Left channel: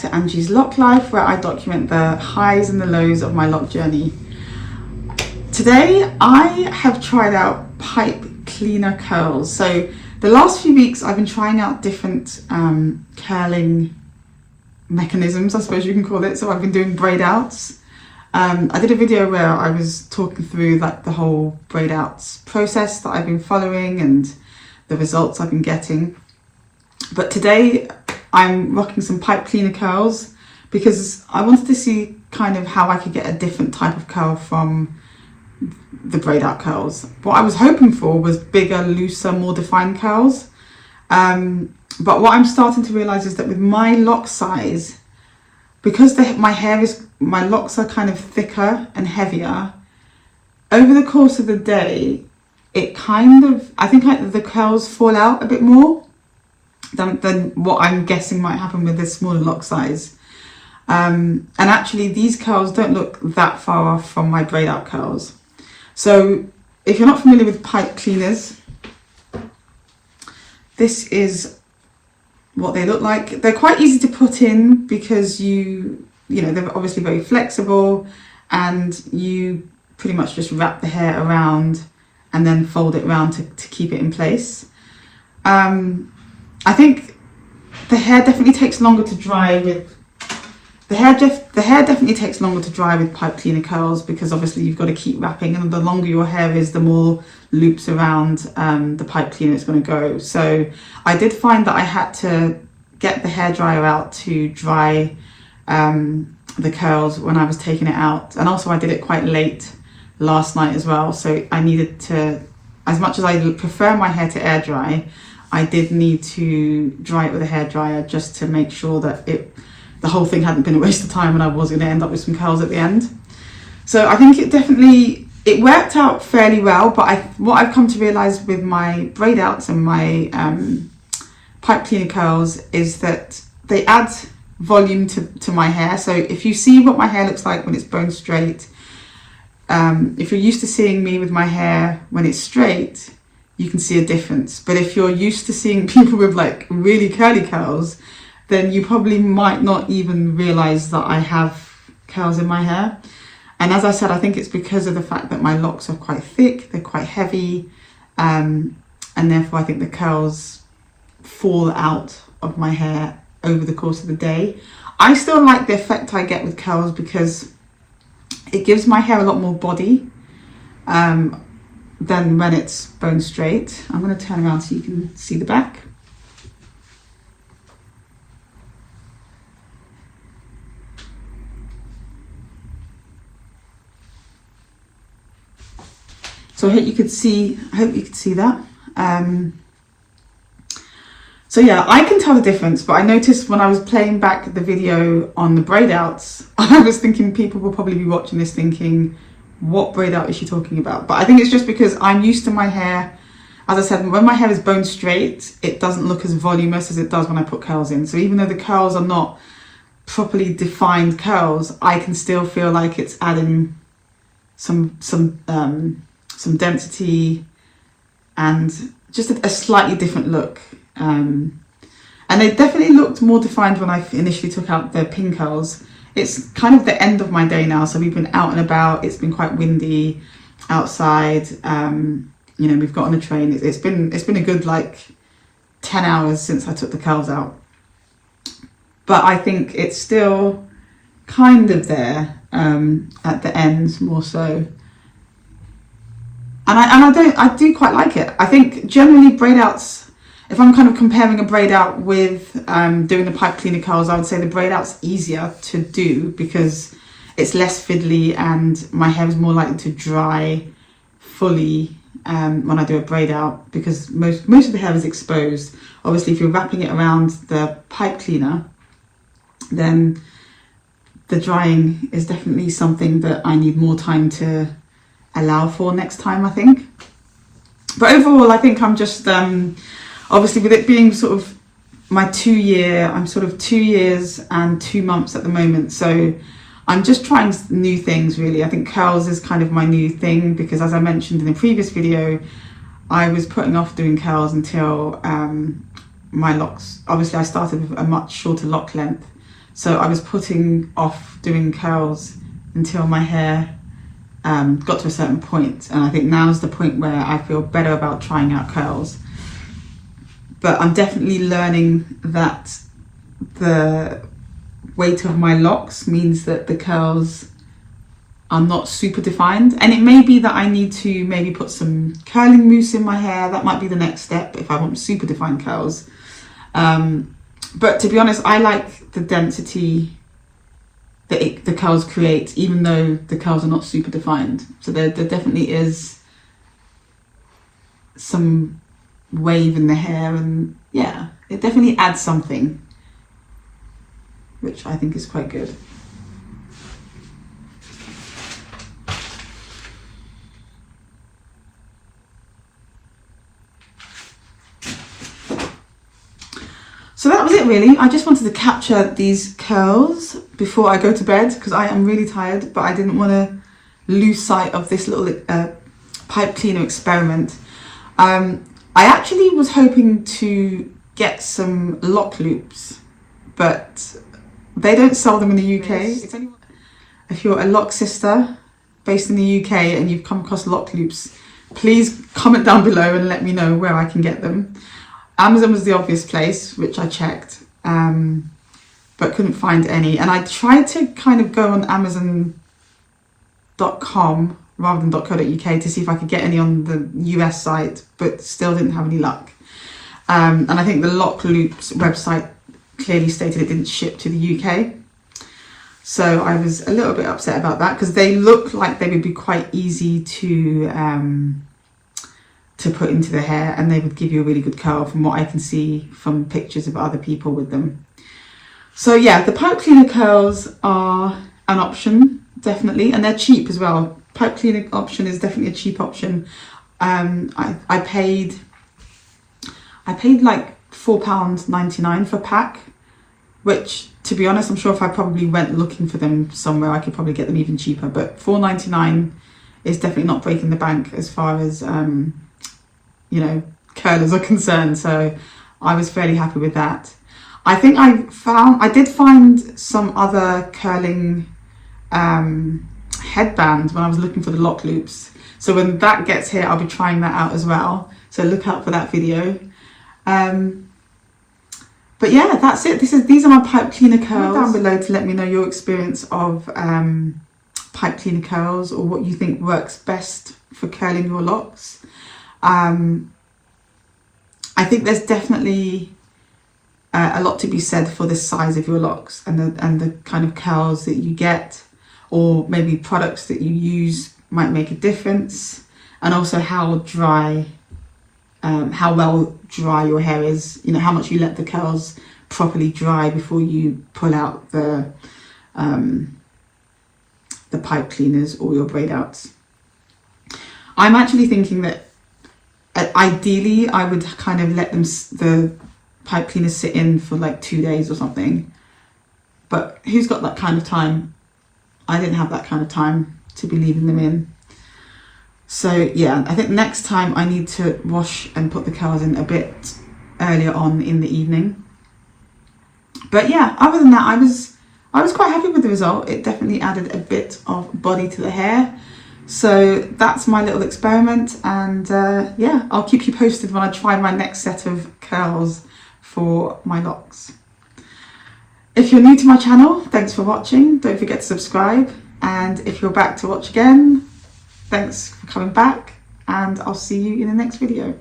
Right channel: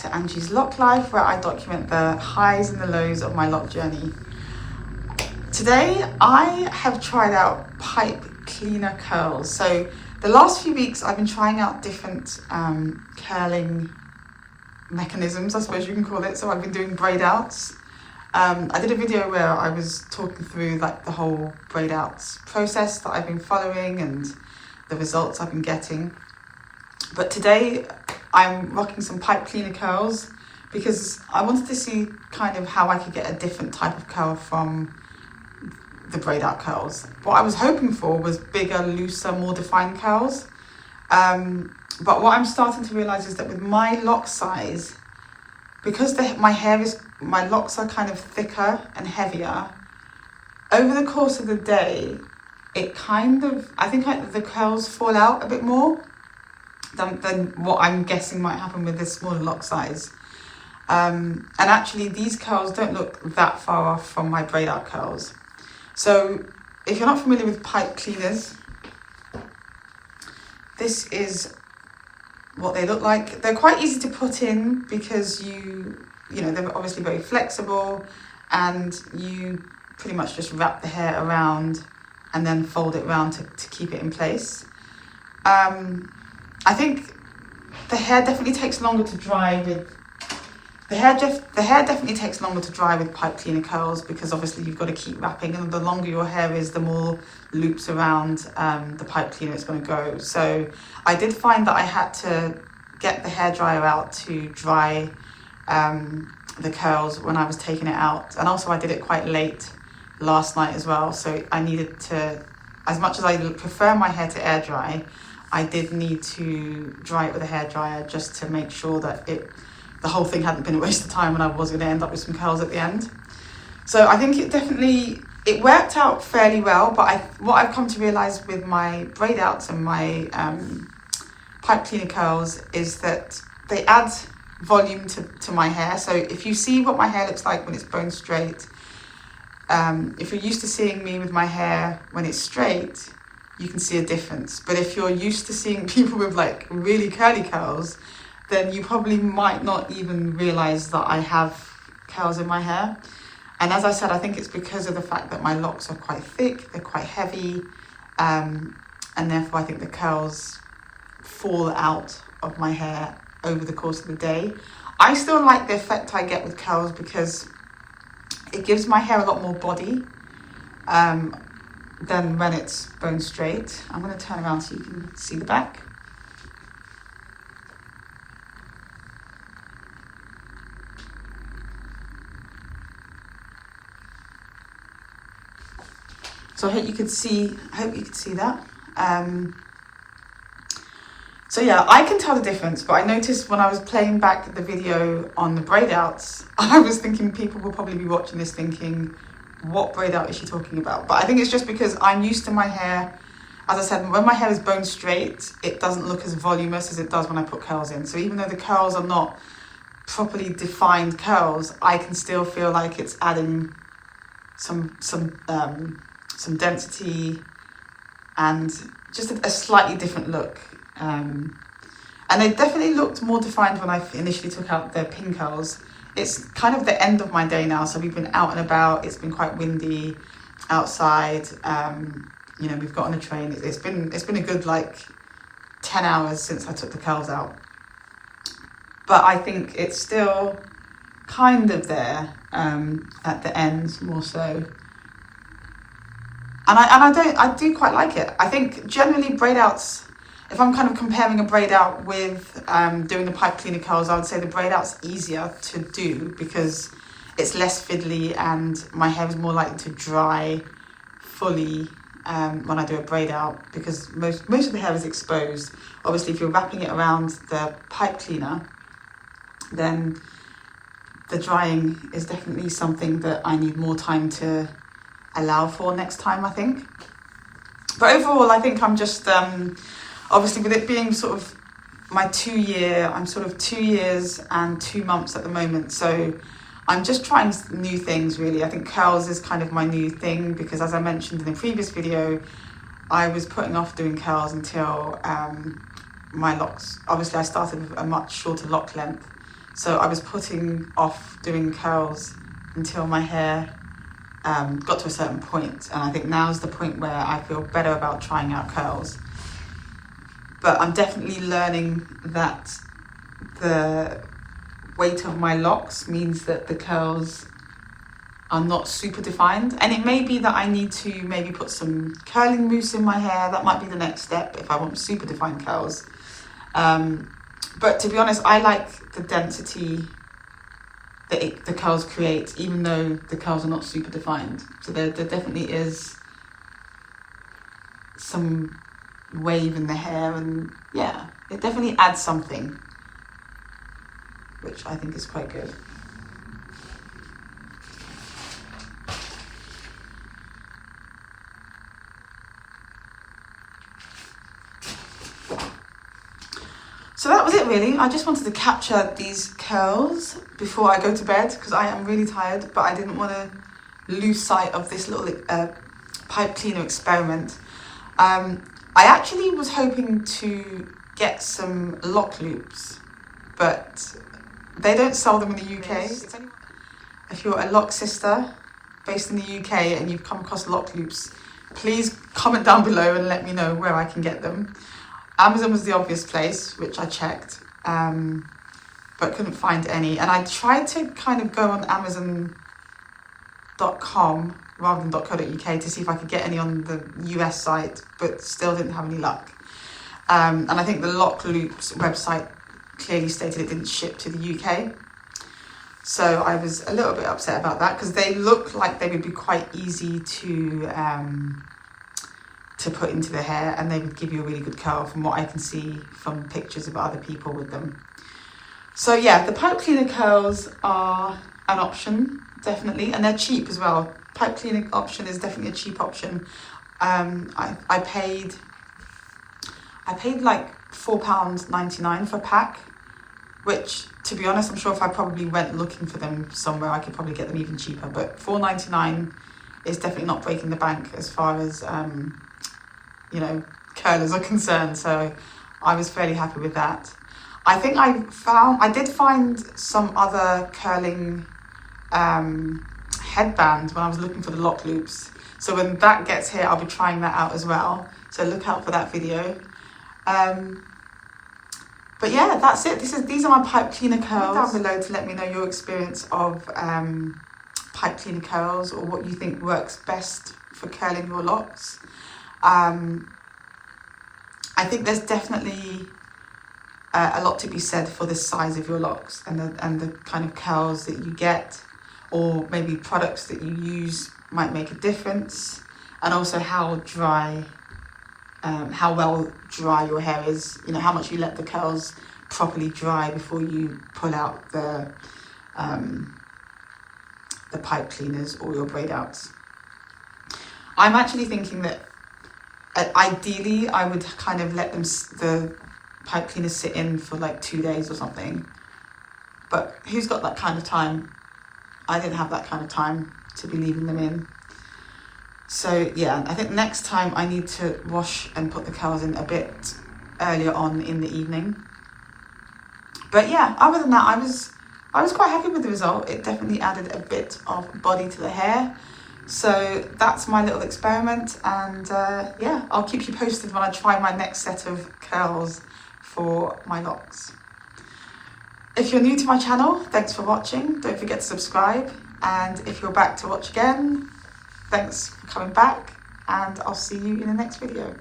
to Angie's Loc Life, where I document the highs and the lows of my loc journey. Today I have tried out Pipecleanercurls. So the last few weeks I've been trying out different curling mechanisms, I suppose you can call it. So I've been doing braid outs. I did a video where I was talking through like the whole braid outs process that I've been following and the results I've been getting. But today I'm rocking some Pipecleanercurls because I wanted to see kind of how I could get a different type of curl from the braid out curls. What I was hoping for was bigger, looser, more defined curls. But what I'm starting to realize is that with my loc size, because my locks are kind of thicker and heavier, over the course of the day, I think the curls fall out a bit more than what I'm guessing might happen with this smaller loc size. And actually these curls don't look that far off from my braid out curls. So if you're not familiar with pipe cleaners, this is what they look like. They're quite easy to put in because you know, they're obviously very flexible, and you pretty much just wrap the hair around and then fold it around to keep it in place. I think the hair definitely takes longer to dry with the hair definitely takes longer to dry with Pipecleanercurls, because obviously you've got to keep wrapping, and the longer your hair is, the more loops around the pipe cleaner it's going to go. So I did find that I had to get the hairdryer out to dry the curls when I was taking it out, and also I did it quite late last night as well, so I needed to, as much as I prefer my hair to air dry, I did need to dry it with a hairdryer just to make sure that the whole thing hadn't been a waste of time and I was going to end up with some curls at the end. So I think it worked out fairly well, but what I've come to realise with my braid outs and my Pipecleanercurls is that they add volume to my hair. So if you see what my hair looks like when it's bone straight, if you're used to seeing me with my hair when it's straight, you can see a difference. But if you're used to seeing people with like really curly curls, then you probably might not even realise that I have curls in my hair. And as I said, I think it's because of the fact that my locks are quite thick, they're quite heavy, and therefore I think the curls fall out of my hair over the course of the day. I still like the effect I get with curls because it gives my hair a lot more body than when it's bone straight. I'm going to turn around so you can see the back. So I hope you could see that. So yeah, I can tell the difference, but I noticed when I was playing back the video on the braid outs, I was thinking people will probably be watching this thinking, what braid out is she talking about? But I think it's just because I'm used to my hair. As I said, when my hair is bone straight, it doesn't look as voluminous as it does when I put curls in. So even though the curls are not properly defined curls, I can still feel like it's adding some density and just a slightly different look. And they definitely looked more defined when I initially took out the pin curls. It's kind of the end of my day now, so we've been out and about. It's been quite windy outside. You know, we've got on the train. It's been a good like 10 hours since I took the curls out. But I think it's still kind of there at the end more so. And I do quite like it. I think generally braid outs, if I'm kind of comparing a braid out with doing the Pipecleanercurls, I would say the braid out's easier to do because it's less fiddly and my hair is more likely to dry fully when I do a braid out, because most of the hair is exposed. Obviously, if you're wrapping it around the pipe cleaner, then the drying is definitely something that I need more time to allow for next time, I think. But overall, I think I'm just obviously with it being sort of my 2 year, I'm sort of 2 years and 2 months at the moment, so I'm just trying new things really. I think curls is kind of my new thing because, as I mentioned in the previous video, I was putting off doing curls until my locks, obviously I started with a much shorter lock length So I was putting off doing curls until my hair got to a certain point, and I think now's the point where I feel better about trying out curls. But I'm definitely learning that the weight of my locks means that the curls are not super defined, and it may be that I need to maybe put some curling mousse in my hair. That might be the next step if I want super defined curls. But to be honest, I like the density that the curls create, even though the curls are not super defined. So there definitely is some wave in the hair, and yeah, it definitely adds something, which I think is quite good. So that was it really. I just wanted to capture these curls before I go to bed because I am really tired, but I didn't want to lose sight of this little pipe cleaner experiment. I actually was hoping to get some lock loops, but they don't sell them in the UK. If you're a lock sister based in the UK and you've come across lock loops, please comment down below and let me know where I can get them. Amazon was the obvious place, which I checked, but couldn't find any. And I tried to kind of go on Amazon.com rather than .co.uk to see if I could get any on the US site, but still didn't have any luck. And I think the Lock Loops website clearly stated it didn't ship to the UK. So I was a little bit upset about that because they look like they would be quite easy to put into the hair, and they would give you a really good curl from what I can see from pictures of other people with them. So yeah, the pipe cleaner curls are an option, definitely, and they're cheap as well. Pipe cleaner option is definitely a cheap option. I paid like £4.99 for a pack, which, to be honest, I'm sure if I probably went looking for them somewhere, I could probably get them even cheaper. But £4.99 is definitely not breaking the bank as far as curlers are concerned. So I was fairly happy with that. I think I did find some other curling headbands when I was looking for the lock loops. So when that gets here, I'll be trying that out as well. So look out for that video. But yeah, that's it. These are my pipe cleaner curls. Comment down below to let me know your experience of pipe cleaner curls, or what you think works best for curling your locks. I think there's definitely a lot to be said for the size of your locks and the kind of curls that you get, or maybe products that you use might make a difference, and also how well dry your hair is. You know, how much you let the curls properly dry before you pull out the pipe cleaners or your braid outs. I'm actually thinking that ideally I would kind of let the pipe cleaners sit in for like 2 days or something, but who's got that kind of time? I didn't have that kind of time to be leaving them in. So yeah, I think next time I need to wash and put the curls in a bit earlier on in the evening. But yeah, other than that, I was quite happy with the result. It definitely added a bit of body to the hair. So that's my little experiment, and yeah, I'll keep you posted when I try my next set of curls for my locks. If you're new to my channel, thanks for watching. Don't forget to subscribe, and if you're back to watch again, thanks for coming back, and I'll see you in the next video.